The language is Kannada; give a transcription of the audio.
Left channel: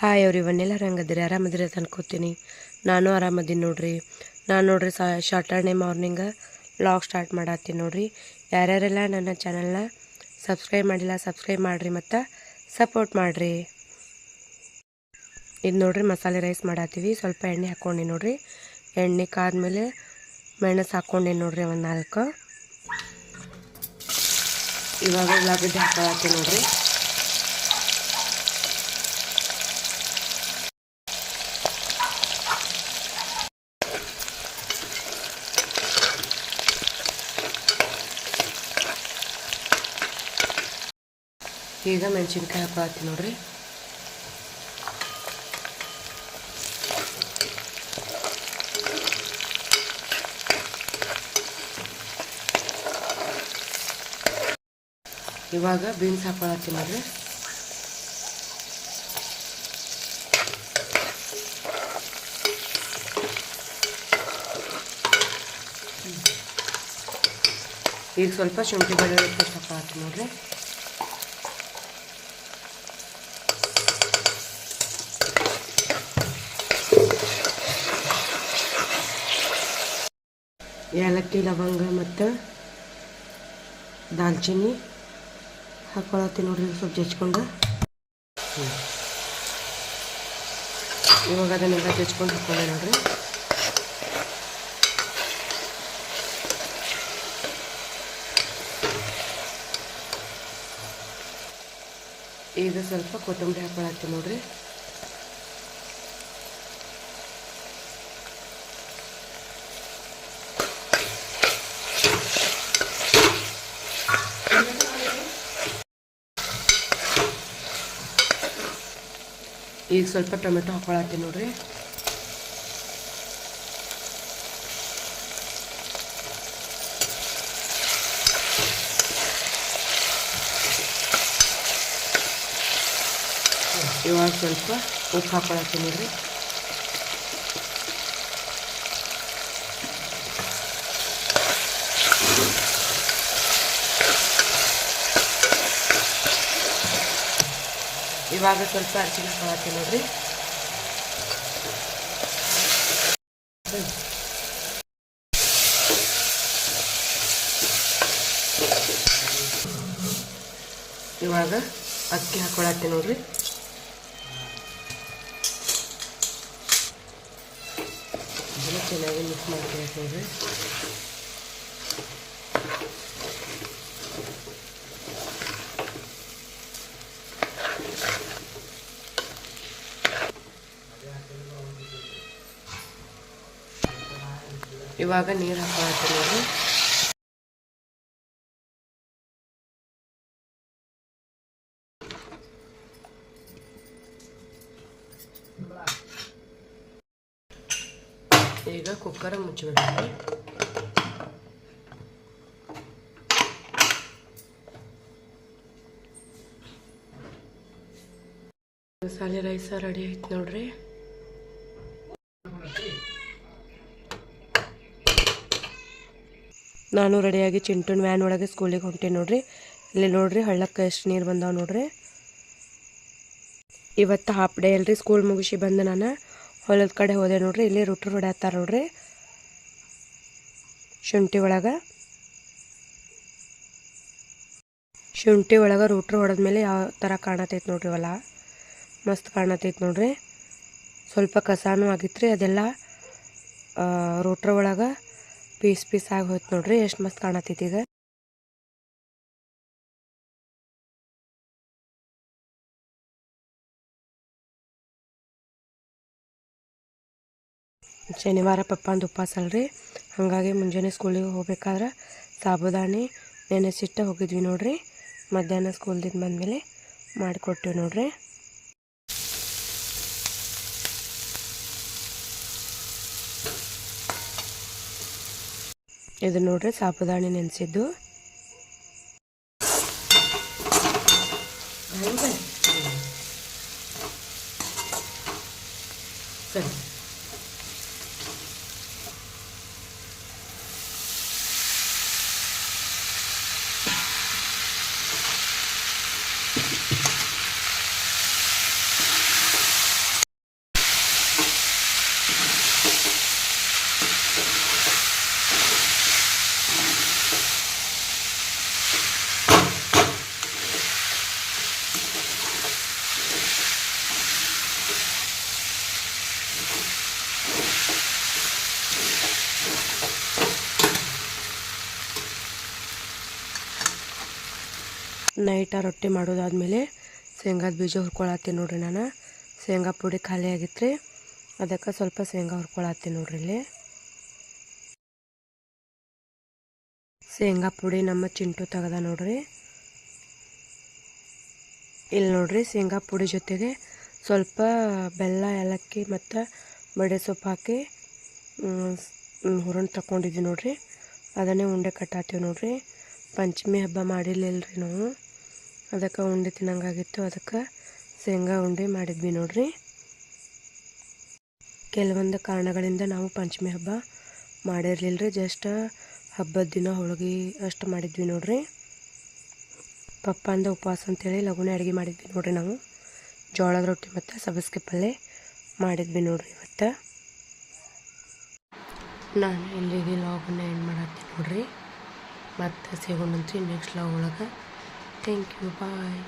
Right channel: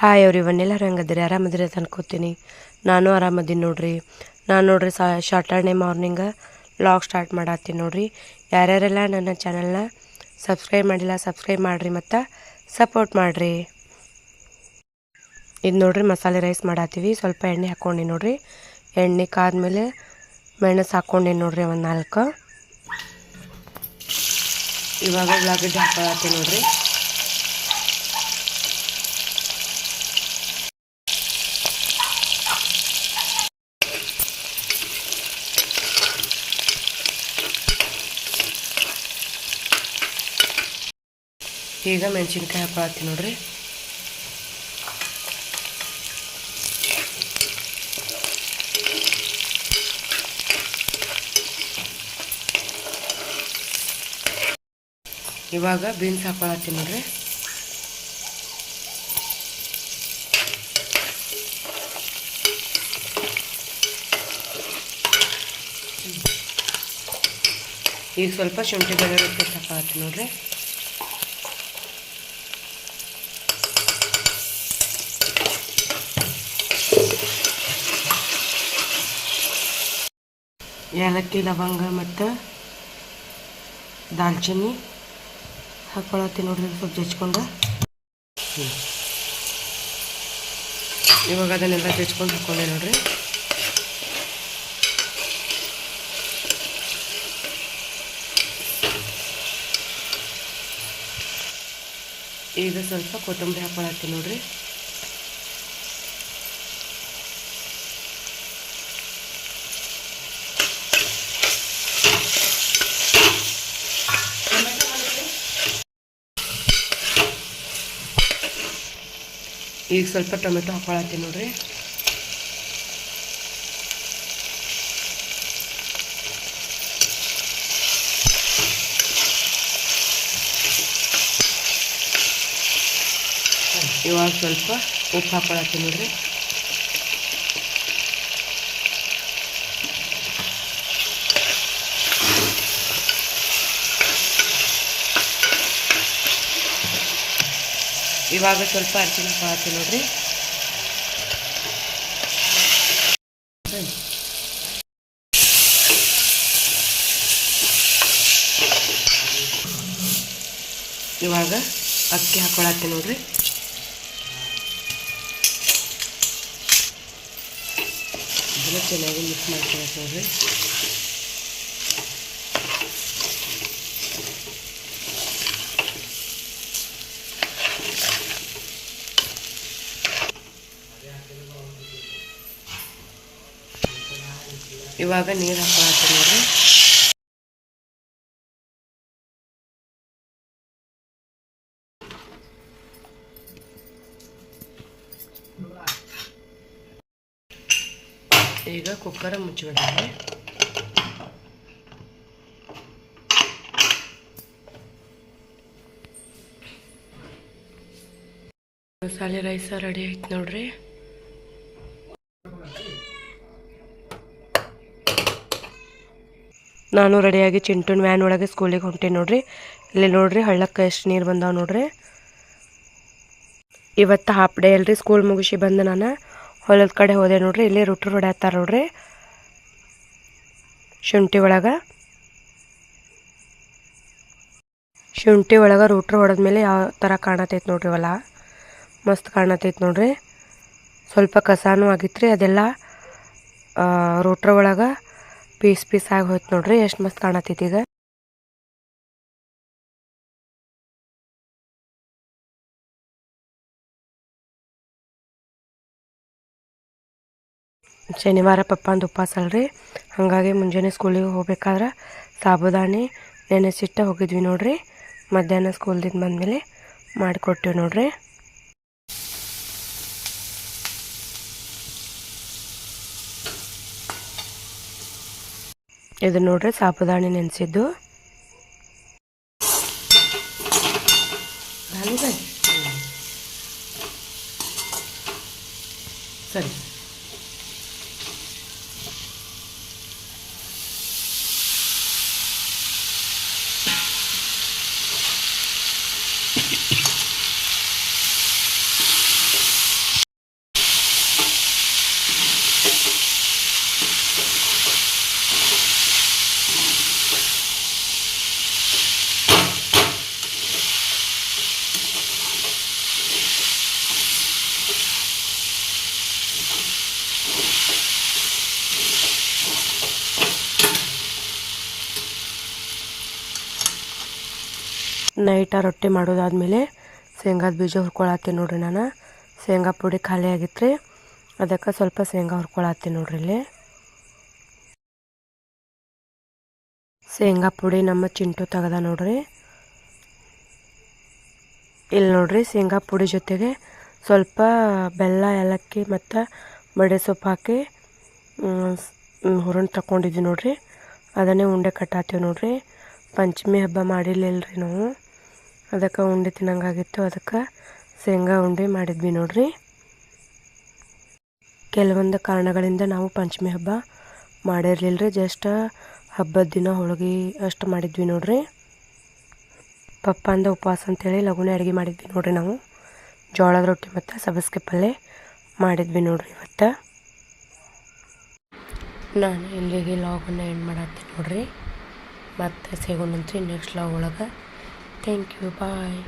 ಹಾಯ್ ಅವ್ರಿ, ಇವನ್ನೆಲ್ಲ ಹೆಂಗದಿರಿ ಆರಾಮದಿರಿ ಅಂತ ಅನ್ಕೋತೀನಿ. ನಾನು ಆರಾಮದೀನಿ ನೋಡ್ರಿ. ನಾನು ನೋಡ್ರಿ ಸಾ ಸಾಟರ್ಡೆ ಮಾರ್ನಿಂಗ ಲಾಗ್ ಸ್ಟಾರ್ಟ್ ಮಾಡತ್ತೀನಿ ನೋಡ್ರಿ. ಯಾರ್ಯಾರೆಲ್ಲ ನನ್ನ ಚಾನಲ್ನ ಸಬ್ಸ್ಕ್ರೈಬ್ ಮಾಡಿಲ್ಲ ಸಬ್ಸ್ಕ್ರೈಬ್ ಮಾಡಿರಿ ಮತ್ತು ಸಪೋರ್ಟ್ ಮಾಡಿರಿ. ಇದು ನೋಡ್ರಿ ಮಸಾಲೆ ರೈಸ್ ಮಾಡತ್ತೀವಿ. ಸ್ವಲ್ಪ ಎಣ್ಣೆ ಹಾಕ್ಕೊಂಡು ನೋಡ್ರಿ. ಎಣ್ಣೆ ಕಾದ್ಮೇಲೆ ಮೆಣಸು ಹಾಕ್ಕೊಂಡು ನೋಡ್ರಿ ಒಂದು ನಾಲ್ಕು. ಇವಾಗ ಉಳ್ಳಾಗಡ್ಡೆ ಹಾಕೊಳತ್ತೀವಿ ನೋಡ್ರಿ. ಈಗ ಮೆಣಸಿನ್ಕಾಯಿ ಹಾಕೊಳತ್ತೀನಿ ನೋಡ್ರಿ. ಇವಾಗ ಬೀನ್ಸ್ ಹಾಕೊಳತ್ತೀನಿ ನೋಡ್ರಿ. ಈಗ ಸ್ವಲ್ಪ ಶುಂಠಿ ಬೆಳ್ಳುಳ್ಳಿ ಪೇಸ್ಟ್ ಹಾಕೊಳತ್ತಿ ನೋಡ್ರಿ. ಏಲಕ್ಕಿ, ಲವಂಗ ಮತ್ತು ದಾಲ್ಚಿನ್ನಿ ಹಾಕೊಳತ್ತೀನಿ ನೋಡಿರಿ ಸ್ವಲ್ಪ ಜಚ್ಕೊಂಡು ಇವಾಗ ಅದನ್ನೆಲ್ಲ ಜಚ್ಕೊಂಡು ಹಾಕೊಂಡೆ ನೋಡಿರಿ. ಈಗ ಸ್ವಲ್ಪ ಕೊತ್ತಂಬರಿ ಹಾಕೊಳತ್ತೀನಿ ನೋಡ್ರಿ. ಈಗ ಸ್ವಲ್ಪ ಟೊಮೆಟೊ ಹಾಕೊಳತ್ತೀನಿ ನೋಡ್ರಿ. ಇವಾಗ ಸ್ವಲ್ಪ ಉಪ್ಪು ಹಾಕೊಳತ್ತೀನಿ ನೋಡ್ರಿ. ಇವಾಗ ಸ್ವಲ್ಪ ಅರ್ಶಿನ ಹಾಕಿ ನೋಡ್ರಿ. ಇವಾಗ ಅಕ್ಕಿ ಹಾಕೊಳತ್ತೆ ನೋಡ್ರಿ. ಚೆನ್ನಾಗಿ ಮಿಕ್ಸ್ ಮಾಡ್ಕೊಳಕ್ಕೆ ನೋಡ್ರಿ. ಇವಾಗ ನೀರು ನೋಡಿ. ಈಗ ಕುಕ್ಕರ ಮುಚ್ಚಿಬಿಡ್ತೀವಿ ಮಸಾಲೆ ರೈಸ ರೆಡಿ ಆಯ್ತು ನೋಡ್ರಿ. ನಾನು ರೆಡಿಯಾಗಿ ಚಿಂಟುನ್ ವ್ಯಾನ್ ಒಳಗೆ ಸ್ಕೂಲಿಗೆ ಹೊಂಟೀನಿ ನೋಡ್ರಿ. ಇಲ್ಲಿ ನೋಡ್ರಿ ಹಳ್ಳಕ್ಕೆ ಎಷ್ಟು ನೀರು ಬಂದಾವೆ ನೋಡ್ರಿ. ಇವತ್ತು ಹಾಫ್ ಡೇ ಅಲ್ರಿ ಸ್ಕೂಲ್ ಮುಗಿಸಿ ಬಂದು ನಾನು ಹೊಲದ ಕಡೆ ಹೋದೆ ನೋಡ್ರಿ. ಇಲ್ಲಿ ರುಟ್ರು ಹೊಡ್ಯಾತಾರ ನೋಡ್ರಿ. ಶುಂಠಿ ಒಳಗೆ. ಶುಂಠಿ ಒಳಗೆ ರೂಟ್ರು ಹೊಡೆದ್ಮೇಲೆ ಯಾವ ಥರ ಕಾಣತೈತೆ ನೋಡ್ರಿ ಹೊಲ. ಮಸ್ತ್ ಕಾಣತೈತೆ ನೋಡ್ರಿ. ಸ್ವಲ್ಪ ಕಸಾನು ಆಗಿತ್ತು ರೀ ಅದೆಲ್ಲ ರೂಟ್ರ್ ಒಳಗೆ. ಪೀಸ್ ಪೀಸ್ ಆಗಿ ಹೋಯ್ತು ನೋಡ್ರಿ, ಎಷ್ಟು ಮಸ್ತ್ ಕಾಣತೈತಿ ಈಗ. ಶನಿವಾರ ಪಪ್ಪಂದು ಉಪವಾಸ ಅಲ್ರಿ. ಹಾಗಾಗಿ ಮುಂಜಾನೆ ಸ್ಕೂಲಿಗೆ ಹೋಗ್ಬೇಕಾದ್ರೆ ಸಾಬುದಾನಿ ನೆನೆಸಿಟ್ಟೆ ಹೋಗಿದ್ವಿ ನೋಡ್ರಿ. ಮಧ್ಯಾಹ್ನ ಸ್ಕೂಲ್ದಿಂದ ಬಂದಮೇಲೆ ಮಾಡಿಕೊಟ್ಟಿವಿ ನೋಡ್ರಿ. ಇದು ನೋಡ್ರಿ ಸಾಬುದಾಣಿ ನೆನೆಸಿದ್ದು. ಸರಿ. ನೈಟ ರೊಟ್ಟಿ ಮಾಡೋದಾದ್ಮೇಲೆ ಶೇಂಗಾದ ಬೀಜ ಹುರ್ಕೊಳತ್ತೀನಿ ನೋಡ್ರಿ ನಾನು. ಶೇಂಗಾ ಪುಡಿ ಖಾಲಿ ಆಗಿತ್ತು ಅದಕ್ಕೆ ಸ್ವಲ್ಪ ಶೇಂಗಾ ಹುರ್ಕೊಳತ್ತೀನಿ ನೋಡ್ರಿ ಇಲ್ಲಿ. ಶೇಂಗಾ ಪುಡಿ ನಮ್ಮ ಚಿಂಟು ತೆಗೆದ ನೋಡ್ರಿ. ಇಲ್ಲಿ ನೋಡ್ರಿ ಶೇಂಗಾ ಪುಡಿ ಜೊತೆಗೆ ಸ್ವಲ್ಪ ಬೆಲ್ಲ, ಏಲಕ್ಕಿ ಮತ್ತು ಬಡೆ ಸೊಪ್ಪು ಹಾಕಿ ಹುರಣ ತಗೊಂಡಿದ್ವಿ ನೋಡ್ರಿ. ಅದನ್ನೇ ಉಂಡೆ ಕಟ್ಟಾತೀವಿ ನೋಡ್ರಿ. ಪಂಚಮಿ ಹಬ್ಬ ಮಾಡಿಲ್ಲ ರೀ ನಾವು. ಅದಕ್ಕೆ ಉಂಡೆ ತಿನ್ನಂಗಾಗಿತ್ತು. ಅದಕ್ಕೆ ಶೇಂಗಾ ಉಂಡೆ ಮಾಡಿದ್ವಿ ನೋಡ್ರಿ. ಕೆಲವೊಂದು ಕಾರಣಗಳಿಂದ ನಾವು ಪಂಚಮಿ ಹಬ್ಬ ಮಾಡಿರಲಿಲ್ಲ ರೀ ಜಸ್ಟ್ ಹಬ್ಬದ ದಿನ ಹೋಳಿಗೆ ಅಷ್ಟು ಮಾಡಿದ್ವಿ ನೋಡ್ರಿ. ಪಪ್ಪ ಅಂದ ಉಪವಾಸ ಅಂತೇಳಿ ಲಘುನೇ ಅಡುಗೆ ಮಾಡಿದ್ವಿ ನೋಡ್ರಿ ನಾವು. ಜೋಳದ ರೊಟ್ಟಿ ಮತ್ತು ಸಬಸ್ಗೆ ಪಲ್ಯ ಮಾಡಿದ್ವಿ ನೋಡ್ರಿ ಇವತ್ತು. ನಾನು ಇಲ್ಲಿಗೆ ಲಾಗನ್ನು ಏನು ಮಾಡತ್ತೀನಿ ನೋಡ್ರಿ. ಮತ್ತು ಸಿಗೋಣಂತ್ರಿ ನೆಕ್ಸ್ಟ್ ಲಾಗ್ ಒಳಗೆ. Thank you. Bye.